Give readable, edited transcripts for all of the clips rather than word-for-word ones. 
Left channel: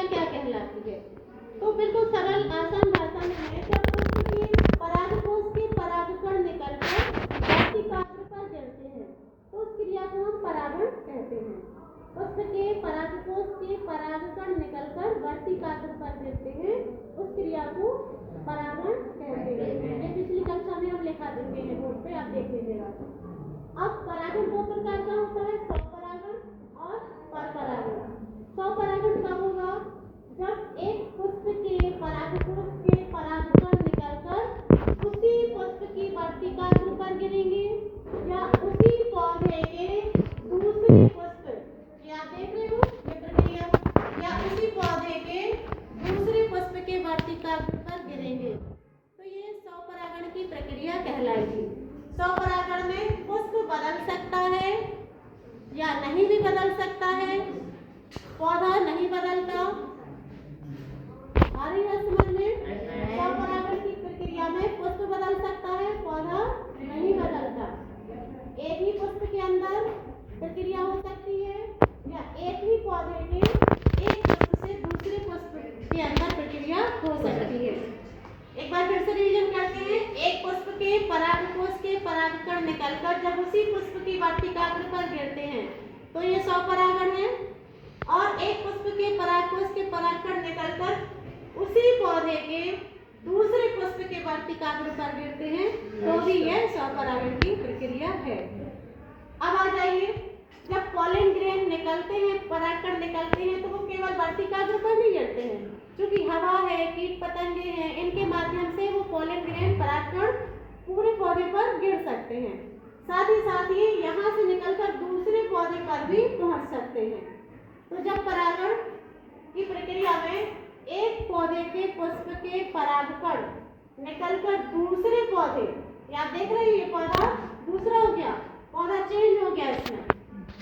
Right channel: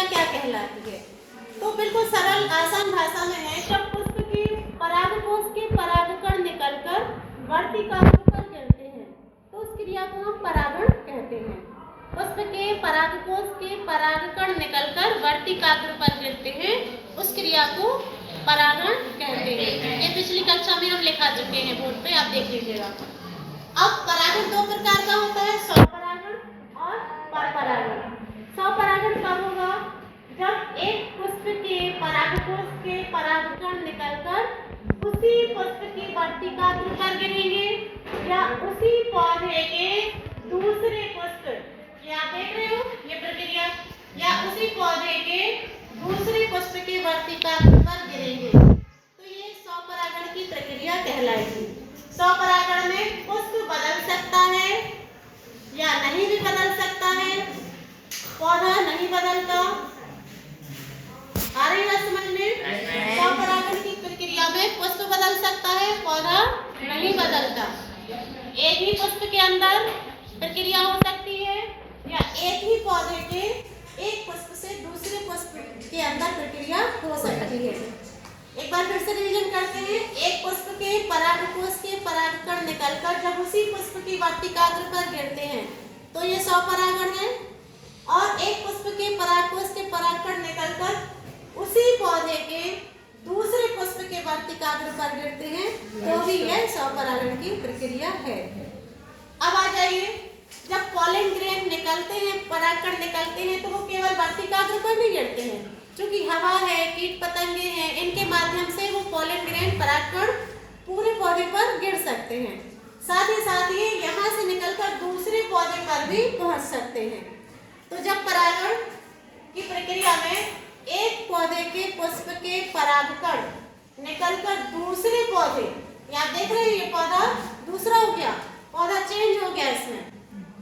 प्रक्रिया क्या कहलाती है? तो बिल्कुल सरल आसान भाषा में है, जब पुष्प के परागकोश के परागकण निकलकर वर्तिकाग्र पर गिरते हैं तो उस क्रिया को हम परागण कहते हैं। पुष्प के परागकोश के परागकण निकलकर वर्तिकाग्र पर गिरते हैं, उस क्रिया को परागण कहते हैं। ये पिछली कक्षा में हम लिखा चुके हैं बोर्ड पे, आप देख लीजिएगा। अब परागण दो प्रकार का होता है, स्वपरागण और परपरागण। स्वपरागण कब होगा? जब एक पुष्प के परागकोश के परागकण निकलकर उसी पुष्प की वर्तिकाग्र पर गिरेंगे या उसी पौधे के दूसरे पुष्प, क्या आप देख रहे हो ये प्रक्रिया, या उसी पौधे के दूसरे पुष्प के वर्तिकाग्र पर गिरेंगे, तो ये स्वपरागण की प्रक्रिया कहलाएगी। स्वपरागण में पुष्प बदल सकता है या नहीं भी बदल सकता है, पौधा नहीं बदलता। आ रही है समझ में? स्वपरागण की प्रक्रिया में पुष्प बदल सकता है, पौधा नहीं बदलता। एक ही पुष्प के अंदर प्रक्रिया हो सकती है या एक ही पौधे के एक पुष्प से दूसरे पुष्प के अंदर प्रक्रिया हो सकती है। एक बार फिर से रिवीजन करते हैं। एक पुष्प के परागकोश के परागकण निकलकर जब उसी पुष्प की वर्तिकाग्र पर गिरते हैं तो ये स्वपरागण है, और एक पुष्प के परागकोश के परागकण निकलकर उसी पौधे के दूसरे पुष्प के वर्तिकाग्र पर गिरते हैं तो भी यह स्वपरागण की प्रक्रिया है। अब आ जाइए, जब पॉलन ग्रेन निकलते हैं, परागकण निकलते हैं, तो वो केवल वर्तिकाग्र पर नहीं गिरते हैं, क्योंकि हवा है, कीट पतंगे हैं, इनके माध्यम से वो पॉलन ग्रेन परागकण पूरे पौधे पर गिर सकते हैं। साथ ही यहाँ से निकलकर दूसरे पौधे पर भी पहुँच सकते हैं। तो जब परागण की प्रक्रिया में एक पौधे के पुष्प के परागकण निकलकर दूसरे पौधे, आप देख रहे हैं ये पौधा दूसरा हो गया, पौधा चेंज हो गया इसमें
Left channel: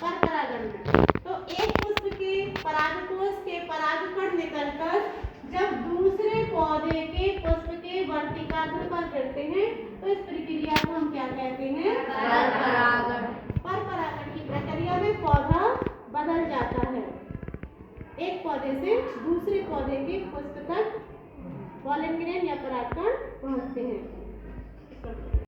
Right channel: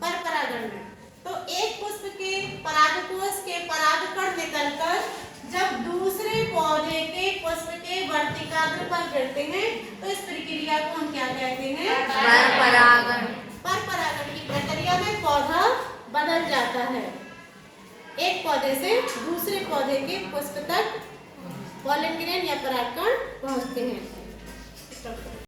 परपरागण में। तो एक पुष्प के परागकोश के परागकण निकलकर जब दूसरे पौधे के पुष्प के वर्तिकाग्र पर गिरते हैं तो इस प्रक्रिया को हम क्या कहते हैं? परपरागण। परपरागण की प्रक्रिया में पौधा बदल जाता है, एक पौधे से दूसरे पौधे के पुष्प तक पॉलन ग्रेन या परागकण पहुंचते हैं।